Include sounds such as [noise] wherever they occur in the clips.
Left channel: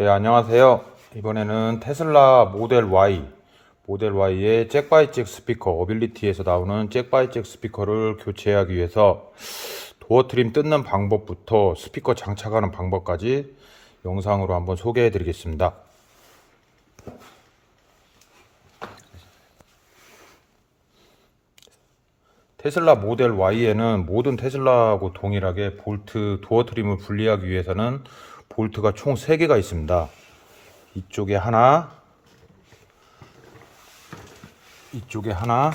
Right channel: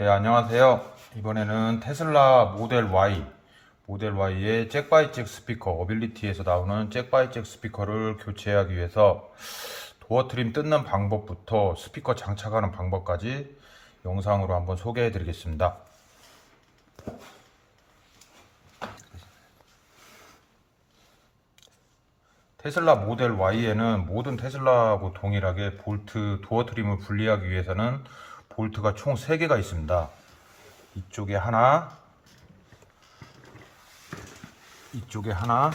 네, 안녕하세요. 이번에는 테슬라 모델 Y, 모델 Y의 잭바이잭 스피커, 어빌리티에서 나오는 잭바이잭 스피커를 교체하기 위해서 도어 트림 뜯는 방법부터 스피커 장착하는 방법까지 영상으로 한번 소개해 드리겠습니다. 테슬라 모델 Y에는 모든 테슬라하고 동일하게 볼트 도어 트림을 분리하기 위해서는 볼트가 총 3개가 있습니다. 이쪽에 하나, 이쪽에 하나,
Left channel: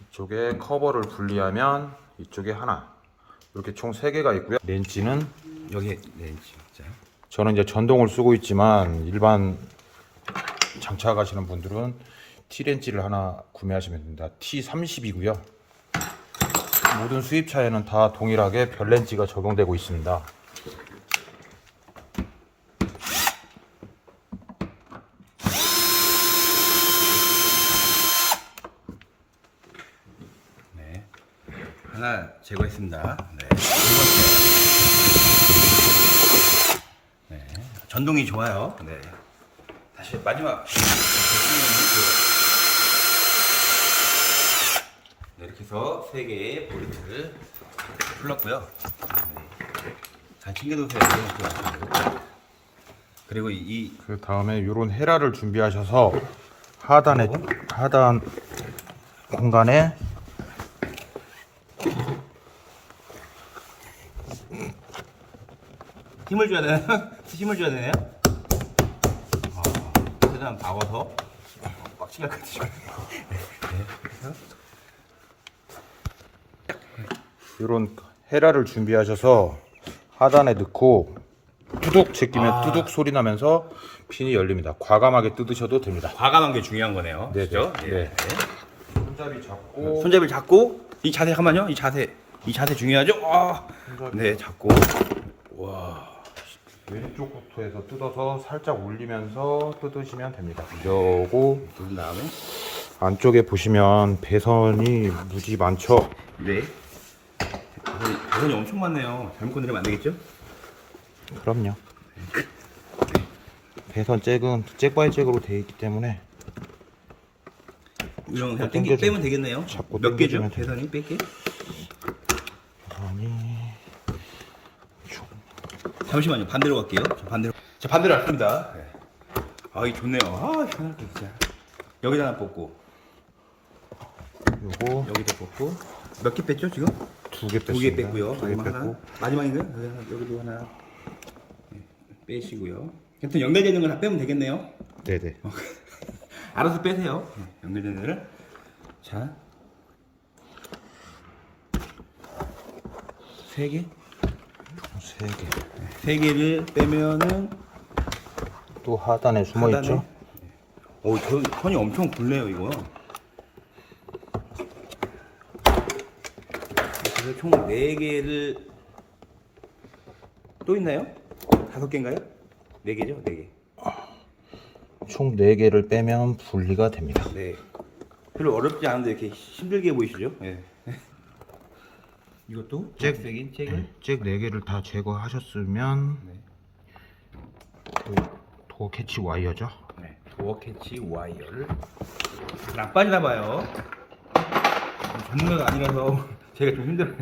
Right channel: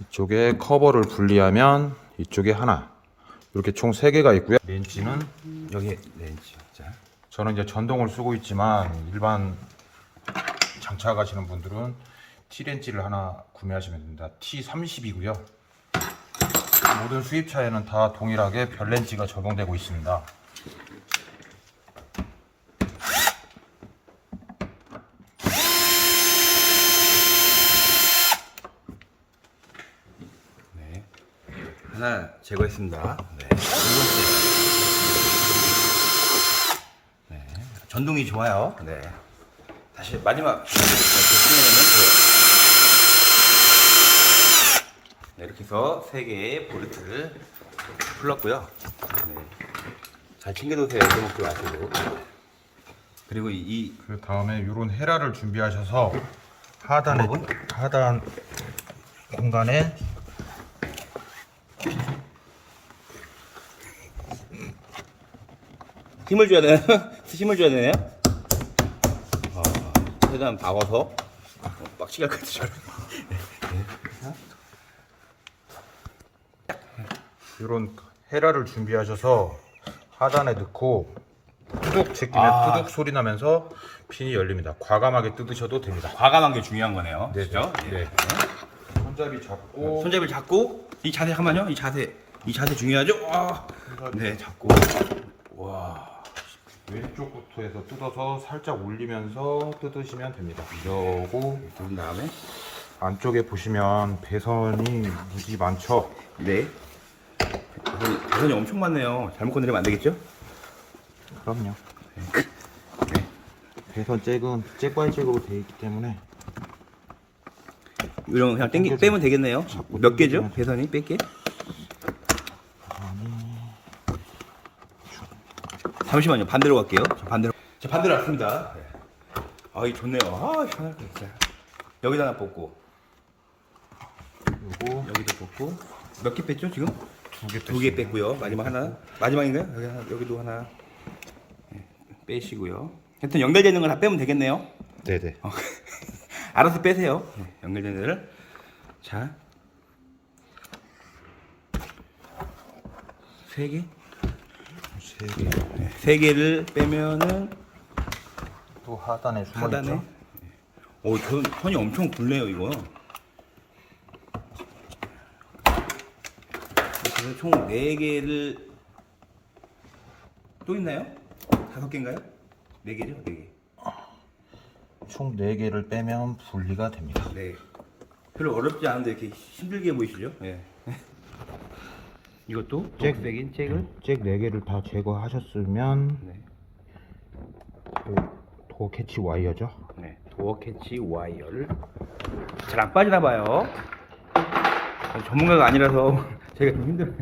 이쪽에 커버를 분리하면 이쪽에 하나. 이렇게 총 3개가 있고요. 렌치는 여기 렌치요. 자, 저는 이제 전동을 쓰고 있지만 일반 장착하시는 분들은 T렌치를 하나 구매하시면 됩니다. T30이고요. 모든 수입차에는 다 동일하게 별렌치가 적용되고 있습니다. 네. 하나 제거했습니다. 네. 두 번째. 네. 전동이 좋아요. 네. 다시 마지막 이렇게 끝내면 그 네, 이렇게 해서 세 개의 볼트를 풀었고요. 네. 잘 챙겨두세요. 이목도 마시고. 그리고 이, 이 그 다음에 이런 헤라를 준비하셔서 하단에 방법은? 하단 공간에 힘을 줘야 되나요? [laughs] 힘을 줘야 되나요? 아, 최대한 박아서 어, 빡치게 할 거지. 이런 헤라를 준비하셔서 하단에 넣고 뚜둑 제끼면 아. 뚜둑 소리 나면서 핀이 열립니다. 과감하게 뜯으셔도 됩니다. 과감한 게 중요한 거네요. 네, 그죠? 네. 예. 손잡이 잡고 손잡이를 잡고 이 자세 잠깐만요. 이 자세 이 자세 중요하죠? 아, 네, 잡고 와 왼쪽부터 해서 뜯어서 살짝 올리면서 뜯으시면 됩니다. 이러고 두 다음에 안쪽에 보시면 배선이 무지 많죠. 네. 배선이, 배선이 엄청 많네요. 잘못 건드리면 안 되겠죠? 그럼요. 배선 잭은 잭바이 잭으로 되어 있기 때문에 이런 거 그냥 땡기. 빼면 되겠네요. 몇 개죠? 배선이 뺄게. 잠시만요. 반대로 갈게요. 자, 반대로. 자, 반대로 왔습니다. 네. 아, 이 좋네요. 아, 편할 거 진짜. 여기다 하나 뽑고, 요거 여기도 뽑고. 몇 개 뺐죠, 지금? 두개 두 개 뺐고요. 마지막 하나. 마지막인가요? 여기 하나, 여기도 하나. 네, 빼시고요. 하여튼 연결되는 걸 다 빼면 되겠네요. 네네. 어, [laughs] 알아서 빼세요. 네, 연결되는 거를. 자. 세 개? 세 개. 네, 세 개를 빼면은 또 하단에 숨어 하단에. 있죠. 오, 저 선이 엄청 굵네요, 이거. 그래서 총 네개를 또 있나요? 다섯 개인가요? 네개죠네개 총 4개를 빼면 분리가 됩니다. 네. 별로 어렵지 않은데 이렇게 힘들게 보이시죠? 예. 이것도 잭. 잭백인 잭을 잭 4개를 다 제거하셨으면 네. 또 도어 캐치 와이어죠. 네. 도어 캐치 와이어를 잘 안 빠지나 봐요. 전문가가 아니라서 제가 좀 힘들어요.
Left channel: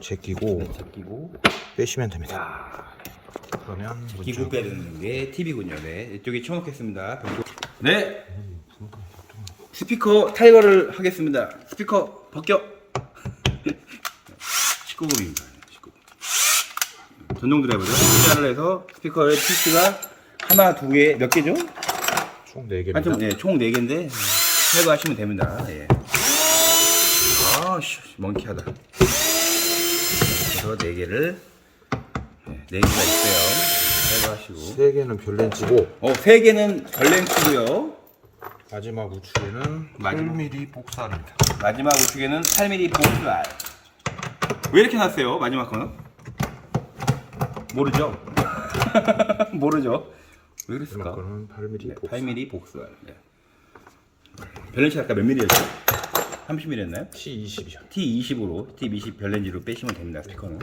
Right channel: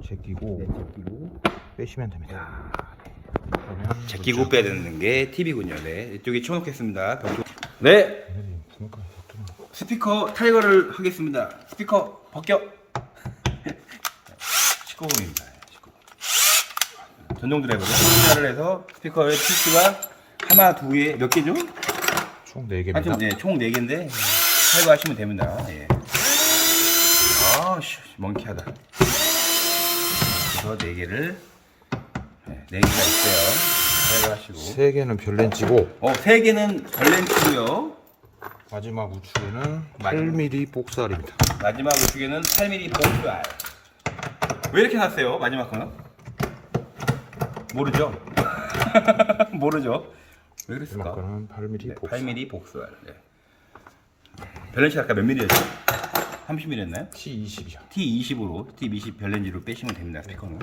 제끼고 네, 제끼고 빼시면 됩니다. 자, 그러면 제끼고 빼는 게 팁이군요. 네, 이쪽에 치워놓겠습니다. 벽 네. 스피커 탈거를 하겠습니다. 스피커 벗겨. 19금입니다. 19금. 전동 드라이버죠. 투자를 해서 스피커의 피스가 하나, 두 개, 몇 개죠? 총 4개입니다. 하여튼 예, 총 4개인데 탈거하시면 됩니다. 예. 아, 씨, 멍키하다. 그래서 4개를 네, 4개가 있어요. 탈거하시고. 3개는 별렌치고 어, 3개는 걸렌치고요. 마지막 우측에는 마지막. 8mm 복살입니다. 마지막 우측에는 8mm 복수알. 왜 이렇게 놨어요? 마지막 거는? 모르죠? [laughs] 모르죠? 왜 그랬을까? 마지막은 8mm 네, 복살. 8mm 복수알. 네. 밸런스 아까 몇 mm였죠? 30mm였나요? T20이요. T20으로 T20 별렌즈로 빼시면 됩니다 스피커는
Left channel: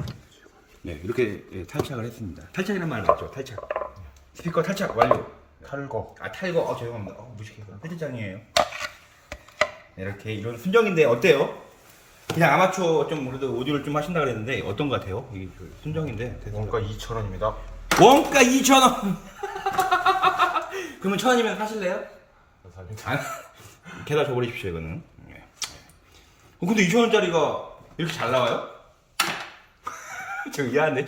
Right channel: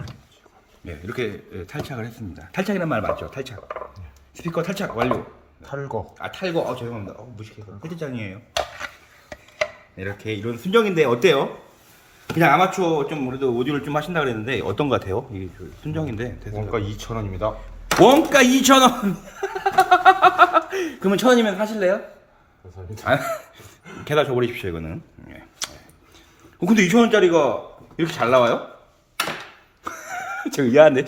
네 이렇게 예, 탈착을 했습니다 탈착이란 말 맞죠? 탈착 스피커 탈착 완료 탈거. 아 탈거 어 죄송합니다 어, 무식해서 헤드장이에요 네, 이렇게 이런 순정인데 어때요? 그냥 아마추어 좀 그래도 오디오를 좀 하신다 그랬는데 어떤 것 같아요? 이게 저 순정인데 원가 2,000원입니다. 원가 2,000원 [laughs] 그러면 1,000원이면 사실래요? 아, [laughs] 게다 줘버리십시오 이거는 예. 어, 근데 2,000원짜리가 이렇게 잘 나와요? [laughs] 저 이해하는데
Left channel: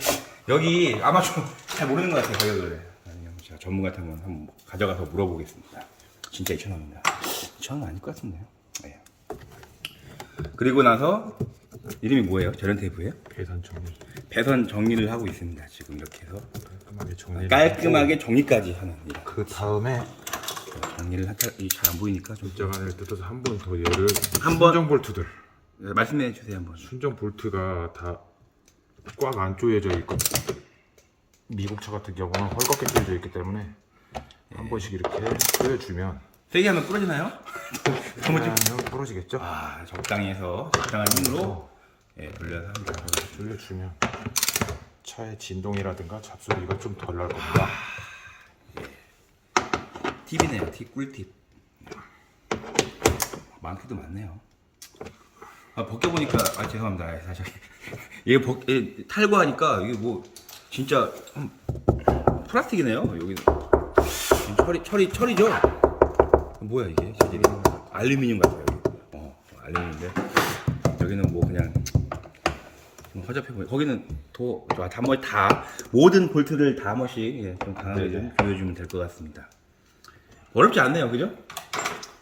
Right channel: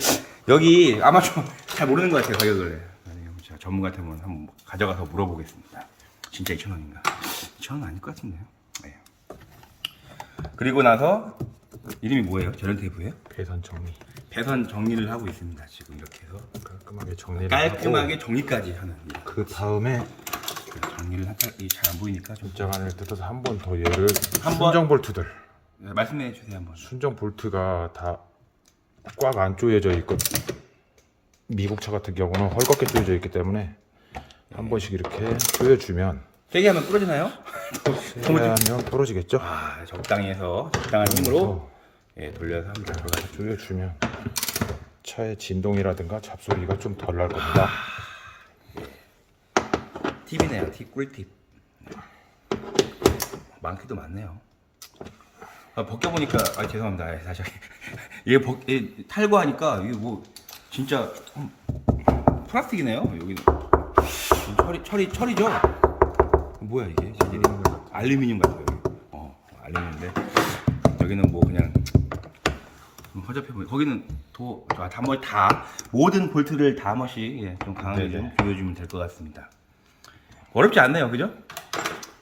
여기 아마추어 잘 모르는 것 같아요 가격을 제가 전문가한테 한번 한번 가져가서 물어보겠습니다 진짜 2,000원인가 2,000원 아닐 것 같은데요 예. 그리고 나서 이름이 뭐예요? 저런 테이프예요? 계산 정리. 배선 정리를 하고 있습니다 지금 이렇게 해서 깔끔하게 정리를 깔끔하게 정리까지 하는 그 다음에 정리를 잘 안 보이니까 좀 입장 안을 뜯어서 한 번 더 얘를 한 번- 순정 볼트들. 네, 말씀해 주세요 한번. 순정 볼트가 다 꽉 안 조여져 있고 미국 차 같은 경우는 헐겁게 조여져 있기 때문에 한 번씩 이렇게 조여주면 세게 하면 부러지나요? 너무 좀. 하면 떨어지겠죠? 아 적당히 해서 적당한 힘으로 예, 돌려서 합니다. 조여주면 차의 진동이라든가 잡소리가 좀 덜 날 겁니다. 팁이네요. 팁 꿀팁. 많기도 많네요. 아, 벗겨 보니까 아 죄송합니다. 아, 다시 [laughs] 이게 벗 예, 탈거하니까 이게 뭐 진짜 음, 플라스틱이네요. 여기는 철이 철이 철이죠. 뭐야 이게 재질이 알루미늄 같아요. 여기. 어 알루미늄인데 여기는 뭐 그냥 좀 허접해 보여. 거기는 도 아, 다 뭐, 다 모든 볼트를 다한 번씩 예, 좀 강하게 좀 조여주면 될 것 같습니다. 어렵지 않네요, 그죠?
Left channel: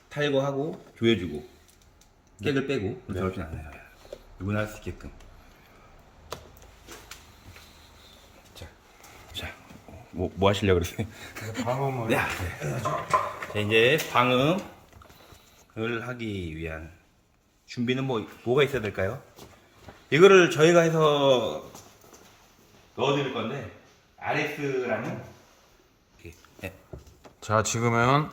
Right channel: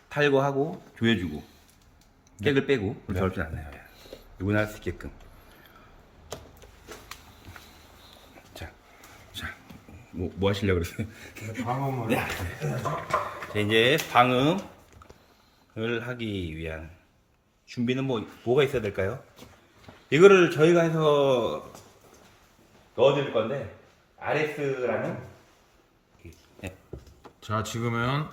탈거하고 조여주고 깨글 빼고 그렇게 않네요. 예. 누구나 할 수 있게끔. 자, 자, 뭐, 뭐 하시려고 그러세요? 방음은 자, 이제 방음을 하기 위한 준비는 뭐, 뭐가 있어야 될까요? 이거를 저희가 해서 넣어드릴 건데, RS라는, 네. 자 지금은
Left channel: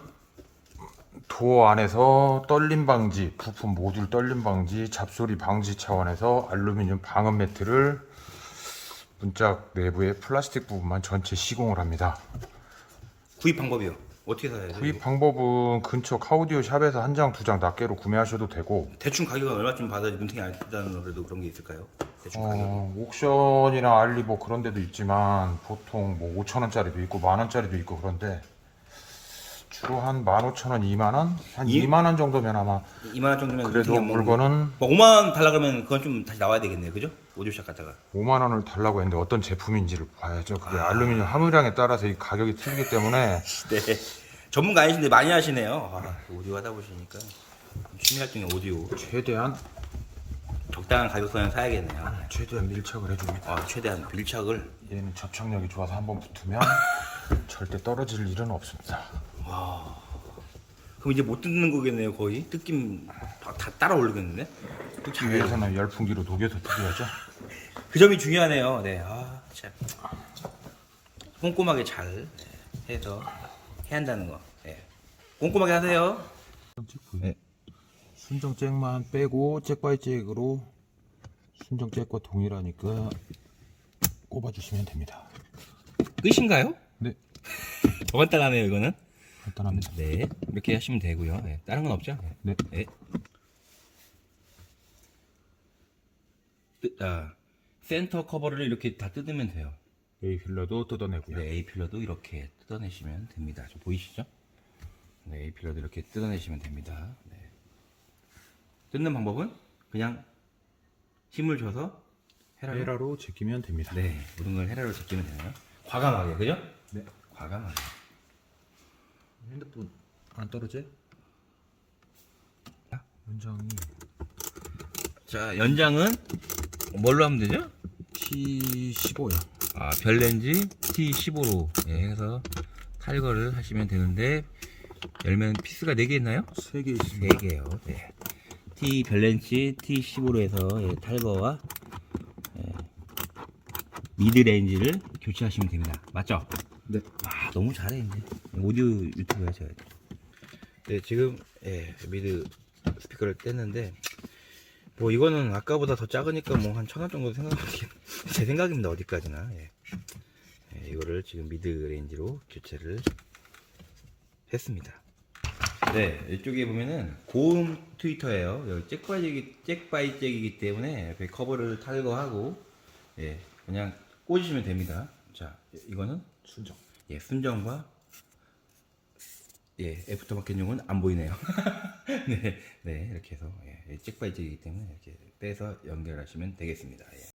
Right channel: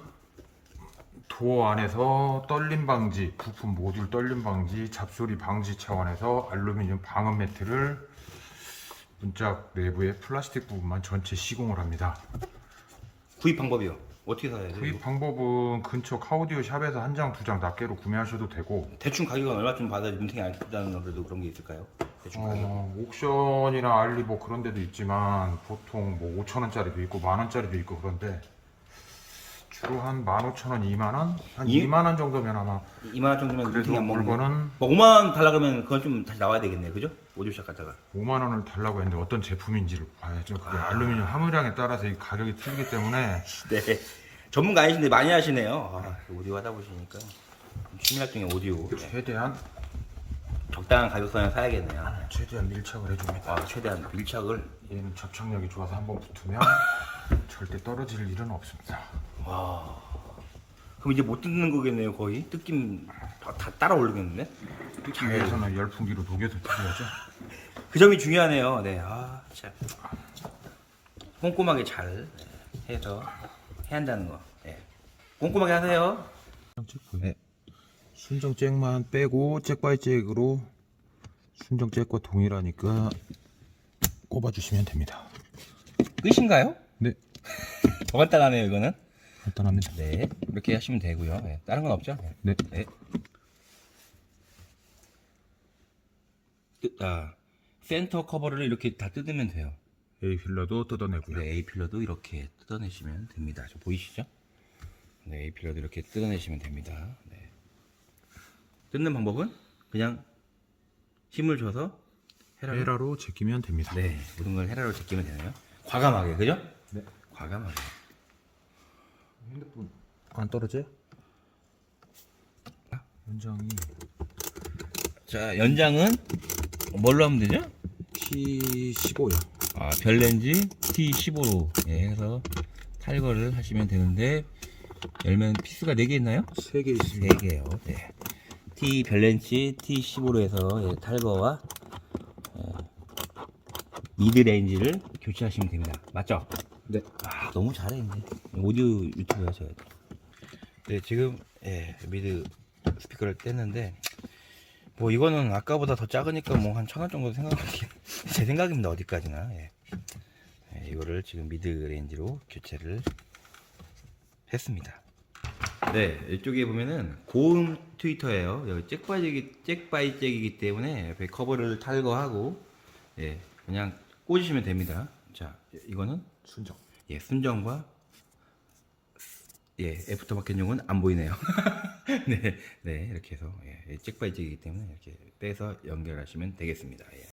도어 안에서 떨림 방지, 부품 모듈 떨림 방지, 잡소리 방지 차원에서 알루미늄 방음 매트를 문짝 내부의 플라스틱 부분만 전체 시공을 합니다. 구입 방법이요. 어떻게 사야 돼요? 구입 방법은 근처 카우디오 샵에서 한 장, 두 장 낱개로 구매하셔도 되고 대충 가격은 얼마쯤 받아야 눈탱이 안 뜨다는 그래도 그런 게 있을까요? 대충 가격. 어, 옥션이나 알리 뭐 그런 데도 있지만 보통 뭐 5천 원짜리도 있고 만 원짜리도 있고 그런데 주로 한 15,000원, 2만 원? 한 이- 2만 원 정도면 아마 2만 원 정도면 눈탱이 안 먹는 거. 물건은 뭐 5만 원 달라 그러면 그건 좀 다시 나와야 되겠네요. 그죠? 오디오샵 갔다가. 5만 원을 달라고 했는데 어떤 제품인지를 봐야죠. 그게 알루미늄 함유량에 따라서 이 가격이 틀리기 때문에 [laughs] 네. 전문가 아니신데 많이 하시네요. 아, 오디오 하다 보시니까 취미 활동에 오디오. 최대한 적당한 가격선에 사야겠네요. 최대한 밀착을 해줍니다. 아, 최대한 밀착을. 얘는 접착력이 좋아서 한번 붙으면 [laughs] 절대 떨어질 일은 없습니다. 그럼 이제 못 뜯는 거겠네요, 거의. 뜯김 다, 다 따라 오르겠는데? 잘해요. 위에서는 열풍기로 녹여서 뜯어야죠. 그 점이 중요하네요. 네, 아, 참. 꼼꼼하게 잘 네, 해서 해야 한다는 거. 네. 꼼꼼하게 하세요. 네. 순정 잭만 빼고 잭 바이 잭으로 순정 잭과 동일하니까 꼽아주시면 됩니다. 끝인가요? 네, 더 간단하네요, 이거는. 간단합니다. 네, 이렇게 하시면 되고요. 네, 다른 건 없죠? 네, 네. 뜨, 아, 센터 커버를 이렇게 다 뜯으면 돼요. A 필러도 뜯어내고요. 네, A 필러도 이렇게 뜯어내시면 됩니다. 저 보이시죠? 네, A 필러도 이렇게 뜯어내시면 됩니다. 네. 뜯는 방법은 그냥 힘을 줘서 헤라로 헤라로 제끼면 됩니다. 네, 모든 걸 헤라로 제끼면 되나요? 과감하게, 그죠? 네. 과감하게. 핸드폰 안 떨어져요? 연장이 자, 연장은 뭘로 하면 되죠? T15요. 아, 별렌즈 T15로 예, 해서 탈거를 하시면 되는데 열면 피스가 4개 있나요? 3개 있습니다. 4개요. 네. T 별렌즈 T15로 해서 예, 탈거와 예, 미드레인지를 교체하시면 됩니다. 맞죠? 네. 아, 너무 잘해 이제. 오디오 유튜브야 제가. 네, 지금 예, 미드 스피커를 뗐는데 뭐 이거는 아까보다 더 작으니까 뭐 한 천 원 정도 생각하긴 [laughs] 제 생각입니다 어디까지나 예. 예, 이거를 지금 미드 레인지로 교체를 했습니다. 네 이쪽에 보면은 고음 트위터예요. 여기 잭바이잭이 잭바이잭이기 때문에 옆에 커버를 탈거하고 예 그냥 꽂으시면 됩니다. 자 이거는 순정. 예 순정과 예 애프터마켓용은 안 보이네요. [laughs] 네, 네 이렇게 해서 예, 잭바이잭이기 때문에 이렇게 빼서 연결하시면 되겠습니다. 예.